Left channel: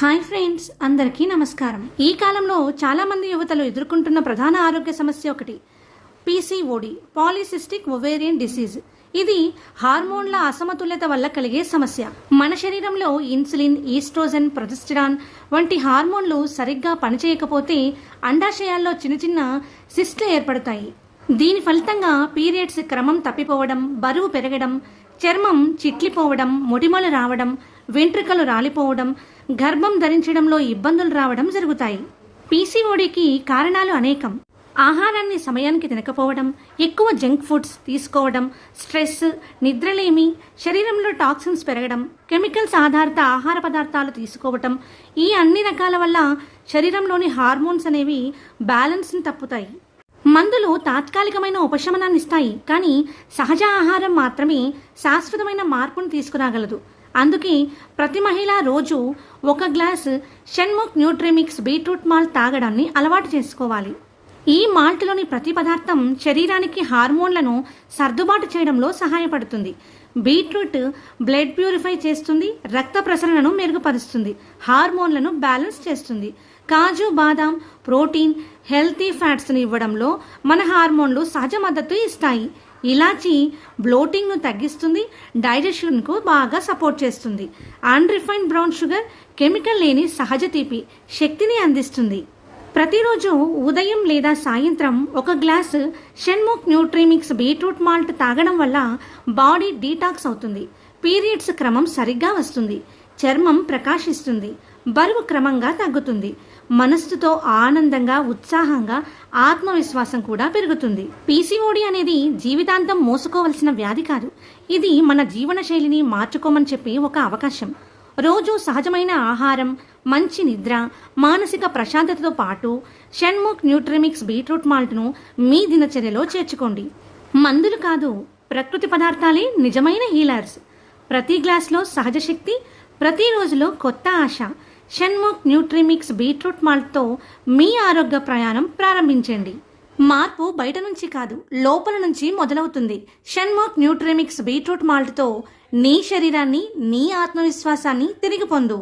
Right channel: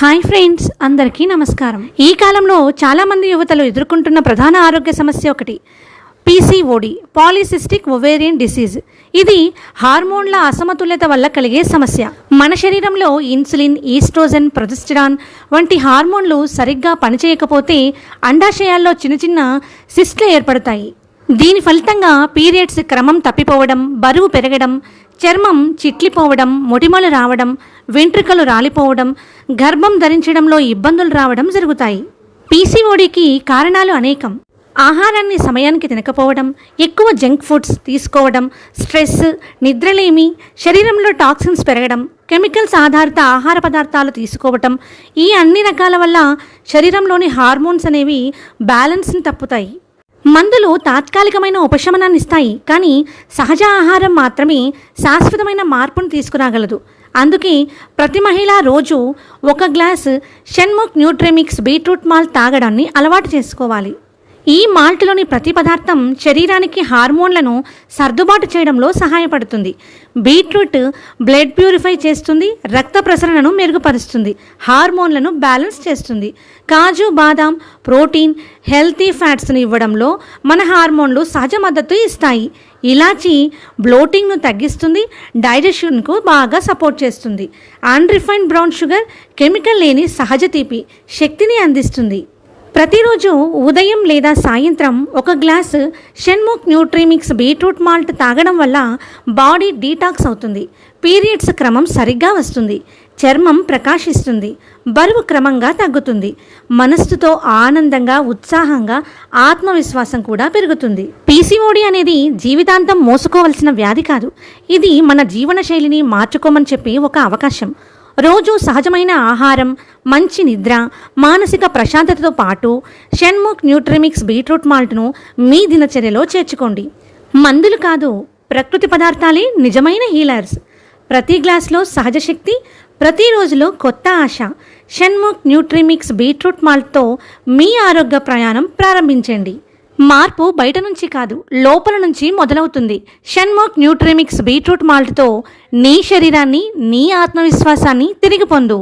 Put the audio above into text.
Hi friends, అందరికీ నమస్కారం. ఈ కాలంలో చాలామంది యువతలు ఎదుర్కొంటున్న ప్రధాన ఆరోగ్య సమస్య ఒకటి పీసీఓడి, పాలిసిస్టిక్ ఒవేరియన్ డిసీజ్. ఇది హార్మోన్ల అసమతుల్యత వల్ల కలిగే సమస్య. మన శరీరంలో ఇన్సులిన్, ఈస్ట్రోజన్, ప్రొజెస్టెరాన్ వంటి హార్మోన్లు సరిగ్గా పనిచేయకపోతే అండాశయాల్లో చిన్న చిన్న సిస్ట్లు ఏర్పడతాయి. దీని ఫలితంగా పీరియడ్స్ క్రమం తప్పిపోవడం, బరువు పెరగడం, చర్మం చిట్లిపోవడం, మొటిమలు రావడం, వెంట్రుకలు రాలిపోవడం, గర్భం ధరించడంలో ఇబ్బందులు రావడం జరుగుతాయి. పీసీఓడికి కారణాలు అనేకం. ఆహారాన్ని సమయానికి తినకపోవడం, ఎక్కువ జంక్ ఫుడ్స్ తీసుకోవడం, స్ట్రెస్, నిద్రలేమి, శరీరంలో టాక్సిన్స్ పెరగడం, కెమికల్స్ ఆధారిత ఆహార పదార్థాలు తీసుకోవటం, ఈ అన్ని రకాల వల్ల శరీరంలోని హార్మోన్స్ అనేవి బ్యాలెన్స్ని తప్పుతాయి. మందులు తాత్కాలికమైన ఉపశమనాన్ని ఇస్తాయి, కానీ సహజ ఆహారం మాత్రమే శాశ్వతమైన మార్పును తీసుకురాగలదు. అందుకే ప్రతి మహిళ రోజు 1 గ్లాసు షణ్ముఖ్ న్యూట్రిమిక్స్ బీట్రూట్ మాల్ట్ తాగడాన్ని అలవాటు చేసుకోవాలి. ఈ మాల్ట్లోని ప్రతి పదార్థం శరీరానికి హార్మోన్లను సర్దుబాటు చేయడంలో సహాయపడుతుంది. బీట్రూట్ బ్లడ్ ప్యూరిఫై చేస్తుంది, రక్త ప్రసరణను మెరుగుపరుస్తుంది, హార్మోన్లను బ్యాలెన్స్ చేస్తుంది. కాజు, బాదాం ప్రోటీన్, హెల్తీ ఫ్యాట్స్ను ఇవ్వడంలో మన హార్మోన్లు సహజ మద్దతు ఇస్తాయి. ఇలాచీ బ్లోటింగ్ను తగ్గిస్తుంది, డైజెషన్కు బాగా సపోర్ట్ చేస్తుంది. అన్రిఫైన్డ్ బ్రౌన్ షుగర్ కెమికల్ లేని సహజ తీపి శక్తిని అందిస్తుంది. ప్రతిరోజు ఉదయం లేదా సాయంత్రం 1 గ్లాసు షణ్ముఖ్ న్యూట్రిమిక్స్ బీట్రూట్ మాల్ట్ తాగడం వల్ల బాడీ డీటాక్స్ అవుతుంది, పీరియడ్స్ క్రమం సరిగ్గా వస్తుంది, చర్మం ప్రకాశిస్తుంది, బరువు క్రమంగా తగ్గుతుంది, మనస్సుతో ఆనందంగా, ఉత్సాహంగా, ఆత్మవిశ్వాసం కూడా పెరుగుతుంది. పీసీఓడి అనేది జీవితాంతం మోసుకోవలసిన వ్యాధి కాదు. ఇది మన జీవన శైలిని మార్చుకోమని చెప్పే ఒక అవకాశం. రోజు సహజమైన ఆహారం, మంచి నిద్ర, మానసిక ప్రశాంతతతో పాటు షణ్ముఖ్ న్యూట్రిమిక్స్ బీట్రూట్ మాల్ట్ను మీ దినచర్యలో చేర్చుకోండి. మందులు కాదు, ప్రకృతి పదార్థాలే నిజమైన హీలర్స్. ప్రతి గ్లాసులో సహజ శక్తి, ప్రతి రోజులో కొత్త ఆశ. షణ్ముఖ్ న్యూట్రిమిక్స్ బీట్రూట్ మాల్ట్తో మీ ఆరోగ్య ప్రయాణం ప్రారంభించండి. మార్పు బయట నుంచి కాదు, లోపల నుంచి మొదలవుతుంది. షణ్ముఖ్ న్యూట్రిమిక్స్ బీట్రూట్ మాల్ట్తో నీ శరీరాన్ని, నీ ఆత్మవిశ్వాసాన్ని తిరిగి పొందు.